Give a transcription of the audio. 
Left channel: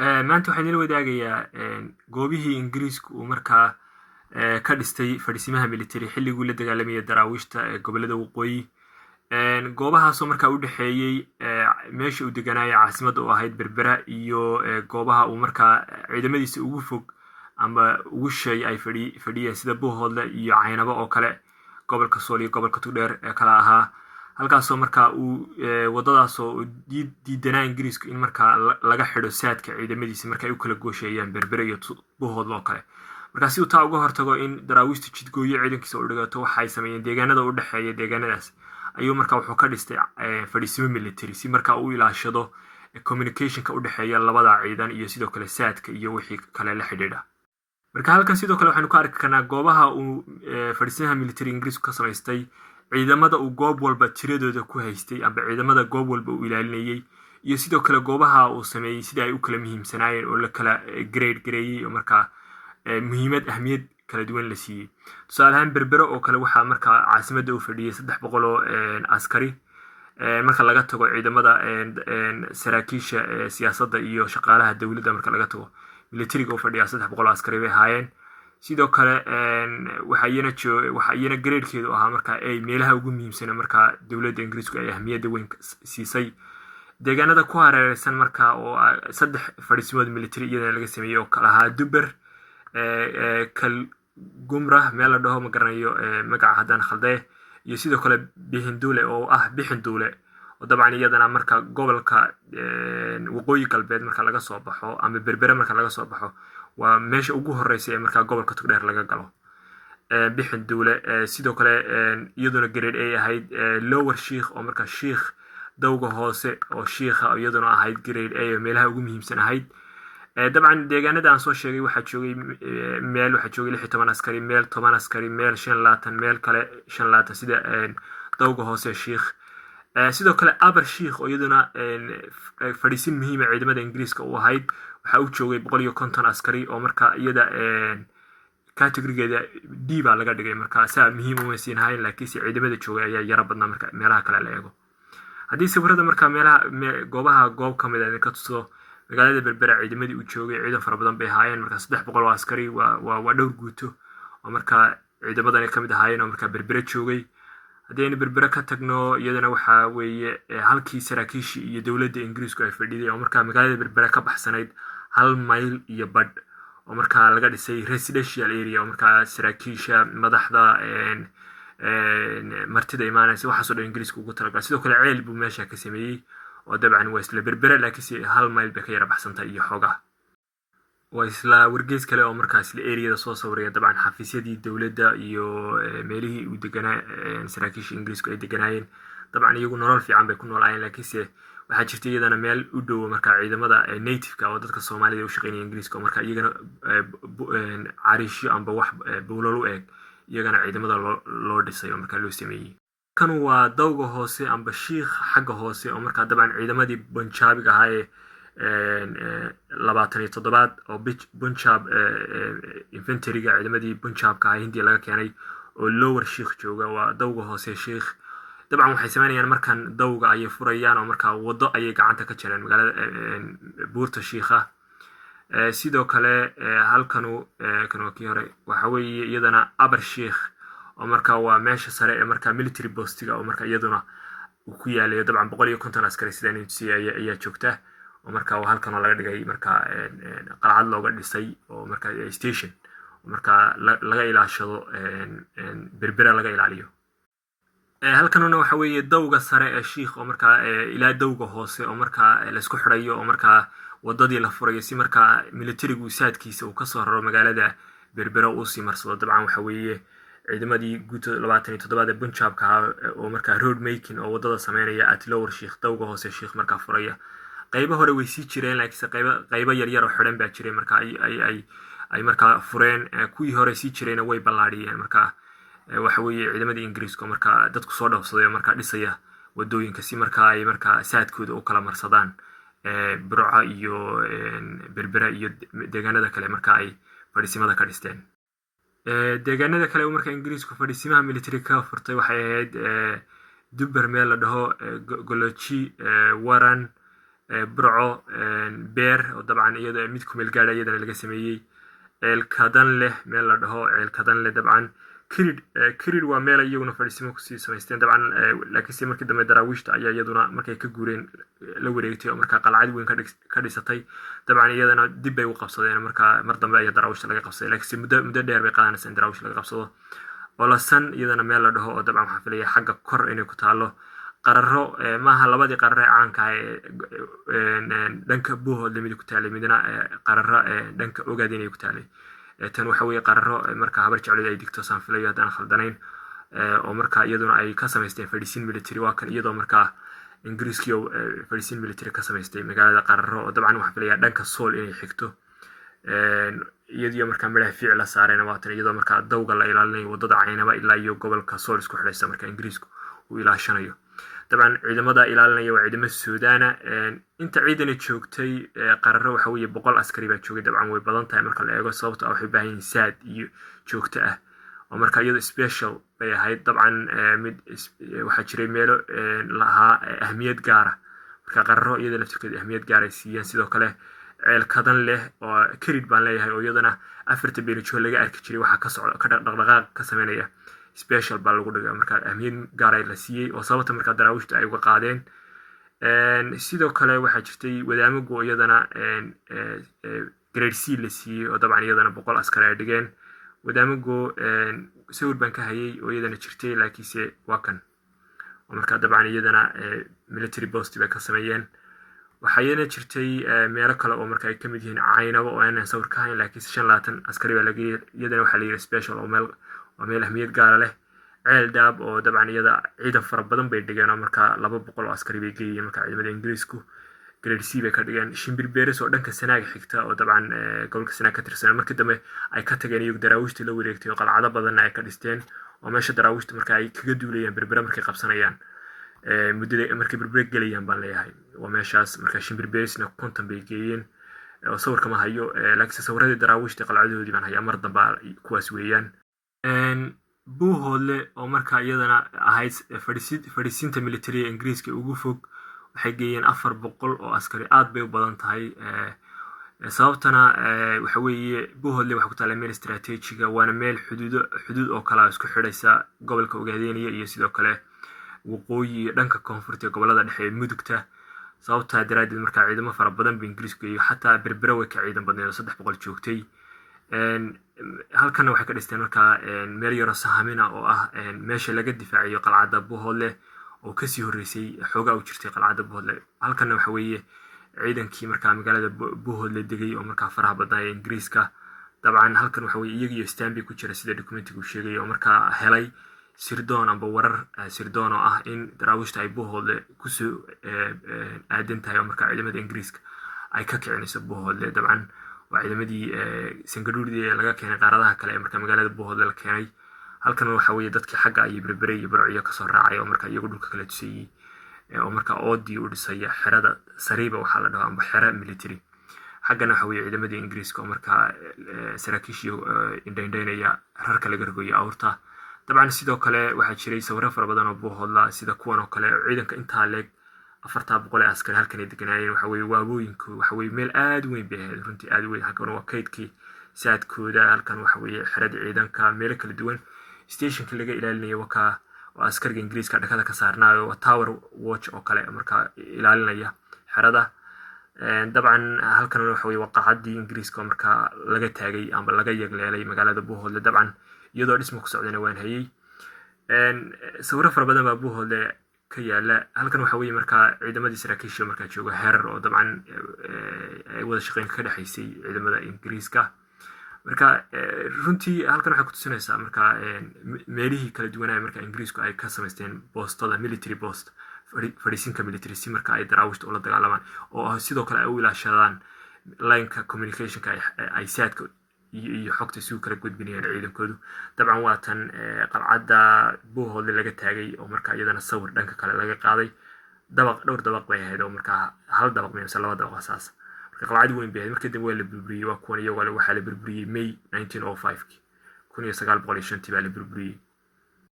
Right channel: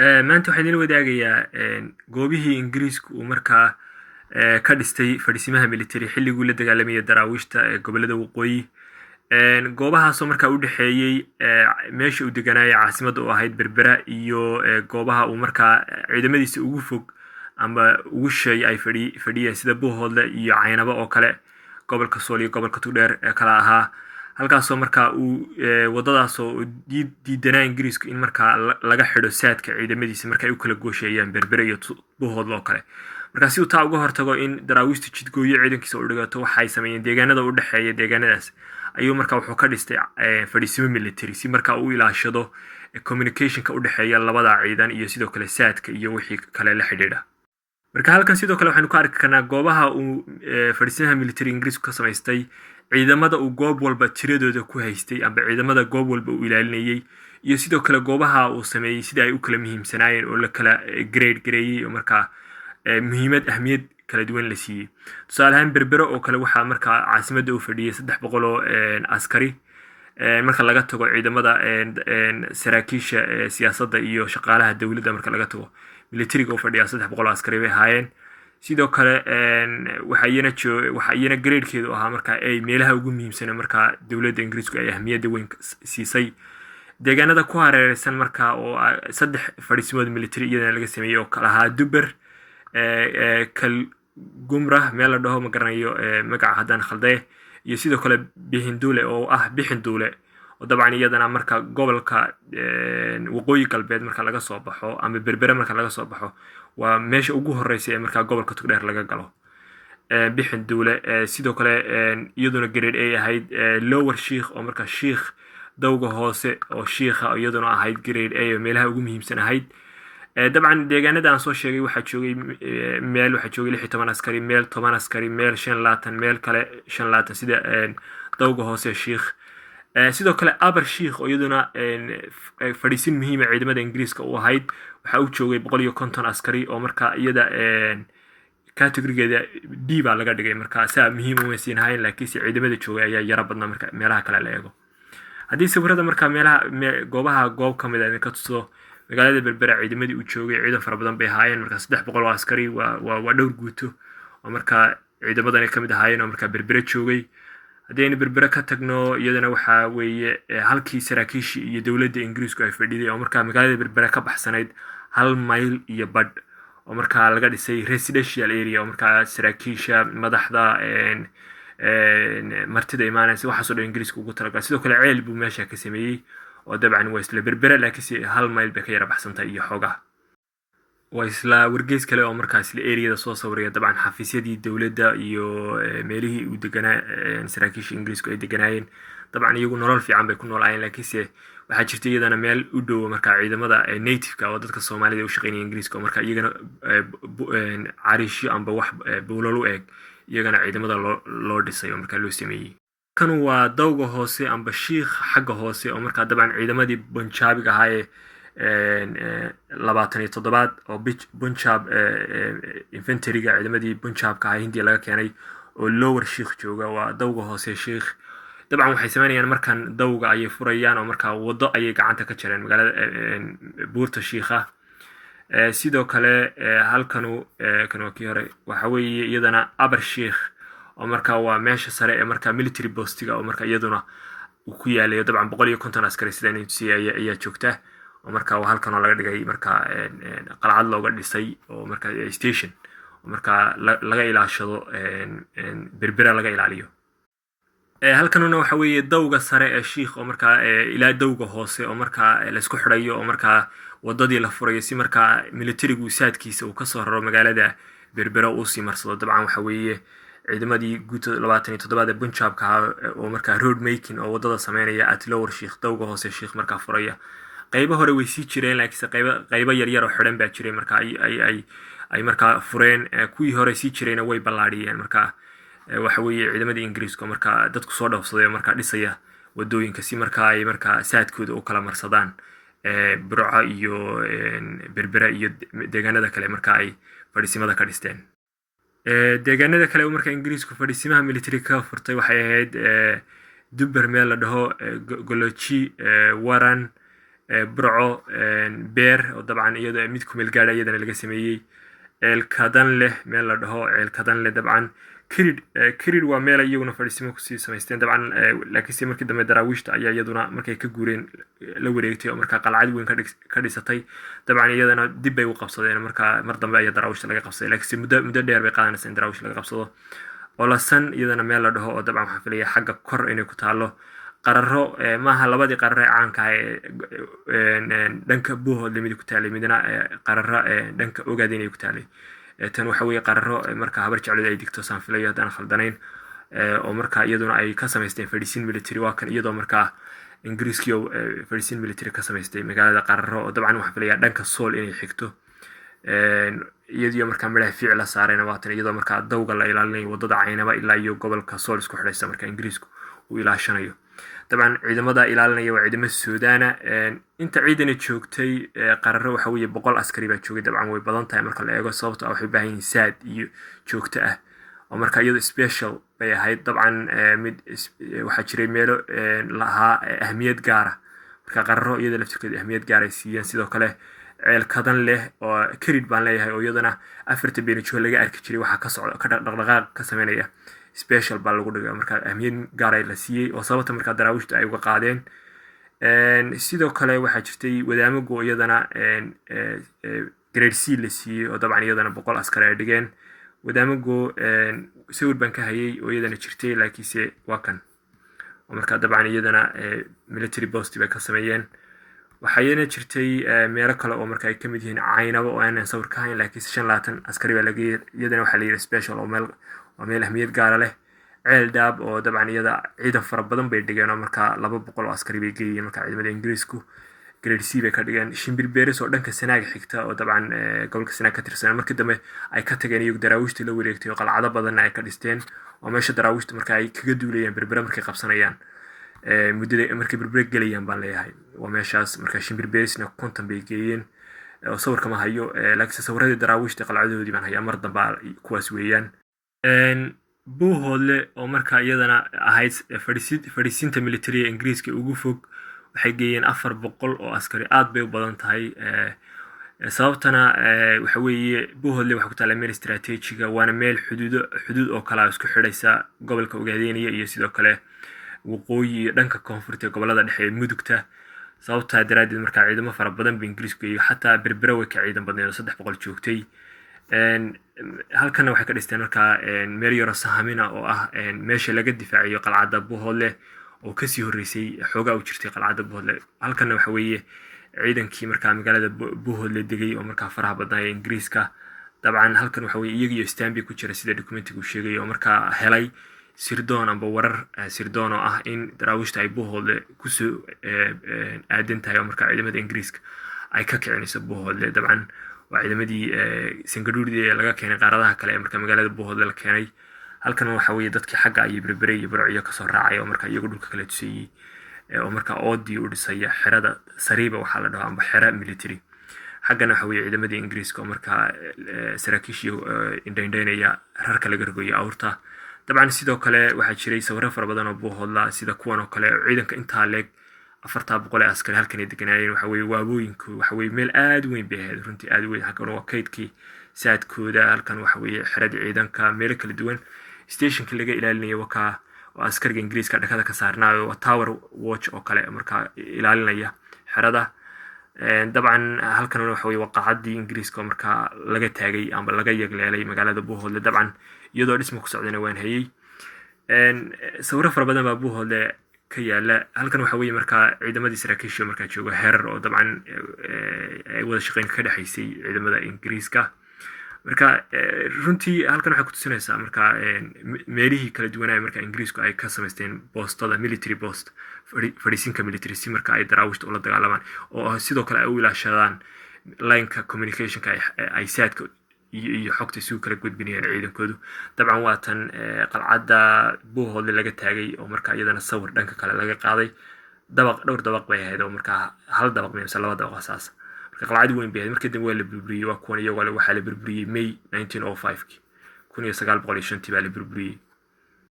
maanta waxaan idin wadaagayaa goobihii ingiriisku uu markaa ka dhistay fadhiisimaha military xilliguu la dagaalamayay daraawiishta ee gobolada waqooyi. goobahaasoo markaa u dhexeeyey meesha uu deganaayay caasimadda u ahayd berbera iyo goobaha uu markaa ciidamadiisa ugu fog ama ugu shay ay fadhiyeen sida buuhoodle iyo caynabo oo kale, gobolka sool iyo gobolka tugdheer ee kala ahaa. halkaasoo markaa uu wadadaasoo diidanaa ingiriisku in markaa laga xidho saadka ciidamadiisa marka ay u kala goosheeyaan berbere iyo buuhoodle oo kale. markaa si uu taa uga hortago in daraawiishtu jidgooyo ciidankiisa u dhigato, waxay sameeyeen deegaanada u dhexeeya deegaanadaas ayuu markaa wuxuu ka dhistay fadhiisimo military si markaa uu ilaashado communicationka u dhexeeya labada ciidan iyo sidoo kale saadka iyo wixii kale la xidhiidha. marka halkan sidoo kale waxaanu ka arki karnaa goobaha uu fadhiisimaha military ingiriisku ka samaystay, ciidamada uu goob walba tiradooda ku haystay amba ciidamada goob walba uu ilaalinayay, iyo sidoo kale goobaha uu sameeyey sida ay u kala muhiimsanaayeen oo la kala gareeyey oo markaa ahmiyad kala duwan la siiyey. tusaale ahaan berbero oo kale waxaa markaa caasimadda u fadhiyay 300 oo askari, marka laga tago ciidamada saraakiisha siyaasadda iyo shaqaalaha dowladda. marka laga tago militariga u fadhiya 300 askari bay ahaayeen. sidoo kale waxa iyana gradekeedu ahaa markaa ay meelaha ugu muhiimsan markaa dowladda ingiriisku ay ahmiyadda weyn siisay. deegaanada ku hareeraysan markaa oo 3 fadhiisimood military iyadana laga sameeyey oo kala ahaa Duber, Kalgumrah meel la dhaho ma garanayo magaca haddaan khalday, iyo sidoo kale Bixinduule oo ah Bixinduule oo dabcan iyadana marka gobolka waqooyi galbeed marka laga soo baxo ama berbera marka laga soo baxo waa meesha ugu horeysa ee marka gobolka tugdheer laga galo. Bixinduule sidoo kale iyaduna grade ay ahayd Lower Sheikh oo marka Sheikh dawga hoose oo Sheikha iyaduna ahayd grade A meelaha ugu muhiimsan ahayd. dabcan deegaanada aan soo sheegay waxaa joogay 16 askari, meel 10 askari, meel 25, meel kale 25 sida dawga hoose Sheikh. sidoo kale Aber Sheikh oo iyaduna fadhiisin muhiim ah ciidamada ingiriiska u ahayd, waxa uu joogay 150 askari oo markaa iyada categorygeeda D baa laga dhigay. markaa saa muhiim u weysiin hayn, laakiin ciidamada joogay ayaa yara badnaa marka meelaha kale la eego. haddii sawirada markaa meelaha goob ka mid ah ka tuso magaalada berbera ciidamadii uu joogay ciidan fara badan bay ahaayeen. markaa 300 oo askari waa dhowr guuto oo markaa ciidamadan ka mid ahaayeen oo markaa berbera joogay. haddii aynu berbera ka tagno iyadana waxaa weeye halkii saraakiishii iyo dowladda ingiriisku ay fadhiday oo markaa magaalada berbera ka baxsanayd 1 mayl iyo badh oo markaa laga dhisay residential area oo markaa saraakiisha madaxda martida imaanaysa waxaasoo dhan ingiriisku ugu talagalay. sidoo kale ceel buu meesha ka sameeyey oo dabcan waa isla berbera laakiinse 1 mayl bay ka yara baxsantahay iyo xoogaa. waa isla wargeys kale oo markaa isla areada soo sawiraya dabcan xafiisyadii dowladda iyo meelihii uu deganaa saraakiisha ingiriisku ay deganaayeen. dabcan iyagu nolol fiican bay ku noolaayeen, laakiinse waxaa jirta iyadana meel u dhow markaa ciidamada native-ka oo dadka Soomaalida u shaqeynaya ingiriiska oo markaa iyagana cariishyo amba wax buulal u eg iyagana ciidamada loo dhisay oo markaa loo sameeyey. kan waa dawga hoose amba Sheikh xagga hoose oo markaa dabcan ciidamadii Punjabiga ahaa ee 27 oo Punjab infantryga ciidamadii Punjabka ahaa Hindiya laga keenay oo Lower Sheikh jooga. waa dawga hoose Sheikh. dabcan waxay sameynayaan markan dawga ayay furayaan oo markaa wado ayay gacanta ka jareen magaalada buurta Sheikha. sidoo kale halkan waa kii hore waxa weeye iyadana Aber Sheikh oo markaa waa meesha sare ee markaa military postiga oo markaa iyaduna uu ku yaalayo dabcan 150 askari sidaan ayaa joogta oo markaa halkan oo laga dhigay markaa qalcad looga dhisay oo markaa station oo markaa laga ilaashado berbera laga ilaaliyo. halkanuna waxa weeye dawga sare ee Sheikh oo markaa ilaa dawga hoose oo markaa la isku xirayo oo markaa wadadii la furayo si markaa militarigu saadkiisa uu ka soo raro magaalada berbera uu sii marsado. dabcan waxa weeye ciidamadii guuto 27 Punjabka oo markaa road making oo wadada sameynaya at Lower Sheikh dawga hoose Sheikh markaa furaya. qaybo hore way sii jireen laakiinse qaybo yar oo xidhan baa jiray markaa ay markaa fureen. kuwii hore sii jirayna way ballaadhiyeen. markaa waxa weeye ciidamadii ingiriiska markaa dadku soo dhawsaday markaa dhisaya wadooyinka si markaa ay markaa saadkooda u kala marsadaan Burco iyo berbera iyo deegaanada kale markaa ay fadhiisimada ka dhisteen. deegaanada kale oo markaa ingiriisku fadhiisimaha military ka furtay waxay ahayd Duber meel la dhaho Goloji, Waran, burco beer oo dabcan iyada mid ku meel gaadha iyadana laga sameeyey ceelkadan leh meel la dhaho ceelkadan leh dabcan kirid waa meel iyaguna fadhiisimo kusii samaysteen dabcan laakiinse markii dambe daraawiishta ayaa iyaduna markay ka guureen la wareegtay oo markaa qalcad weyn ka dhisatay dabcan iyadana dib bay u qabsadeen markaa mar dambe ayaa daraawiishta laga qabsaday laakiinse muddo dheer bay qaadanaysa in daraawiish laga qabsado olasan iyadana meel la dhaho oo dabcan waxaan filaya xagga kor inay ku taalo qararo maaha labadii qararo ee caanka ah dhanka buuhoodle mid ku taalay midna qararo dhanka ogaada inay ku taalay tan waxa weeye qararo marka habar jeclada ay digto saan filayo haddaan khaldanayn oo marka iyaduna ay ka samaysteen fadhiisin military waa kan iyadoo markaa ingiriiskii oo fadhiisin military ka samaystay magaalada qararo oo dabcan waxaan filaya dhanka sool inay xigto iyadoo markaa midhaha fiic la saareen waatan iyadoo markaa dawga la ilaalinayo wadada caynaba ilaa iyo gobolka sool isku xidhaysa marka ingiriisku uu ilaashanayo dabcan ciidamada ilaalinaya waa ciidamada suudaana inta ciidana joogtay qararo waxa weeye 100 askari baa joogay dabcan way badan tahay marka la eego sababta waxay u baahan yihiin saad iyo joogto ah oo marka iyadoo special bay ahayd dabcan mid waxa jiray meelo lahaa ahmiyad gaar ah marka qararo iyada laftirkeeda ahmiyad gaar ay siiyeen sidoo kale ceelkadan leh oo kirid baan leeyahay oo iyadana afarta beenijo laga arki jiray waxa ka socda ka dhaqdhaqaaq ka sameynaya special baa lagu dhigay marka ahmiyad gaar ay la siiyey oo sababta marka daraawiishta ay uga qaadeen sidoo kale waxaa jirtay wadaamago iyadana grade C la siiyey oo dabcan iyadana 100 askari ay dhigeen wadaamago sawir baan ka hayay oo iyadana jirtay laakiinse waa kan oo marka dabcan iyadana military post bay ka sameeyeen waxaa iyadana jirtay meelo kale oo marka ay ka mid yihiin caynabo oo aanan sawir ka hayn laakiinse 25 askari baa laga iyadana waxaa la yidhi special oo meel ahmiyad gaara leh ceel daab oo dabcan iyada ciidan fara badan bay dhigeen oo markaa 200 oo askari bay geeyeen marka ciidamada ingiriisku grade C bay ka dhigeen shimbir beeris oo dhanka sanaaga xigta oo dabcan gobolka sanaag ka tirsan markii dambe ay ka tageen iyagu daraawiishtii la wareegtay oo qalcado badanna ay ka dhisteen oo meesha daraawiishta marka ay kaga duulayaan berbera markay qabsanayaan muddada markay berbera gelayaan baan leeyahay waa meeshaas marka shimbir beerisna 50 bay geeyeen oo sawirka ma hayo laakiinse sawirradii daraawiishta qalcadoodii baan hayaa mar dambe kuwaas weeyaan buuhoodle oo markaa iyadana ahayd fadhiisinta militariga ingiriiska ugu fog waxay geeyeen 400 oo askari aad bay u badan tahay sababtana waxa weeye buuhoodle waxa ku taala meel istiraatiijiga waana meel xuduud oo kala isku xidhaysa gobolka Ogaadeniya iyo sidoo kale waqooyi iyo dhanka koonfurta gobolada dhexe ee mudugta sababta daraadeed markaa ciidamo fara badan bay ingiriisku iyo xataa berbera way ka ciidan badneen oo 300 joogtay halkana waxay ka dhisteen markaa meel yaro sahamina oo ah meesha laga difaaciyo qalcadda buuhoodle oo kasii horeysay xoogaa u jirtay qalcadda buuhoodle halkana waxa weeye ciidankii markaa magaalada buuhoodle degay oo markaa faraha badnaa ee ingiriiska dabcan halkan waxa weeye iyagiyo istaanbi ku jira sida dokumentigu sheegay oo markaa helay sirdoon amba warar sirdoon oo ah in daraawiishta ay buuhoodle kusoo aadan tahay oo markaa ciidamada ingiriiska ay ka kicinayso buuhoodle dabcan waa ciidamadii sangaduudii ee laga keenay qaaradaha kale ee marka magaalada buuhoodle la keenay halkan waxa weeye dadkii xagga iyo berbere iyo burciyo kasoo raacay oo marka iyagu dhulka kala tusayey oo marka oodii u dhisaya xerada sariiba waxaa la dhaho amba xera military xaggana waxa weeye ciidamadii ingiriiska oo marka saraakiishii indhayndaynaya rarka laga rogoyay awrta dabcan sidoo kale waxaa jiray sawirro fara badan oo buuhoodla sida kuwan oo kale ciidanka intaa leeg 400 askari halkan ay deganaayeen waxa weeye waabooyinku waxa weeye meel aad weyn bay ahayd runtii aad weyn halkan waa kaydkii saadkooda halkan waxa weeye xerada ciidanka meel kala duwan stationka laga ilaalinayo waka oo askariga ingiriiska dhakada ka saarnaayo waa tower watch oo kale marka ilaalinaya xerada dabcan halkan waxa weeye waqacadii ingiriiska marka laga taagay amba laga yagleelay magaalada buuhoodle dabcan iyadoo dhismo ku socdana waan hayay sawirro fara badan baa buuhoodle ka yaala halkan waxa weeye markaa ciidamadii saraakiisha markaa jooga herar oo dabcan ay wada shaqeyn ka dhaxaysay ciidamada ingiriiska marka runtii halkan waxay ku tusinaysaa markaa meelihii kala duwanaa markaa ingiriisku ay ka samaysteen boostada military post fadhiisinka military si marka ay daraawiishta ula dagaalamaan oo sidoo kale ay u ilaashadaan lineka communicationka ay saadka iyo xogta isugu kala gudbinayaan ciidankoodu dabcan waa tan qalcadda buuhoodle laga taagay oo marka iyadana sawir dhanka kale laga qaaday dhowr dabaq bay ahayd oo markaa hal dabaq mise 2 dabaq asaas marka qalcad weyn bay ahayd markii dambe waa la burburiyey waa kuwan iyagoo waxaa la burburiyey May 1905 1905 baa la burburiyey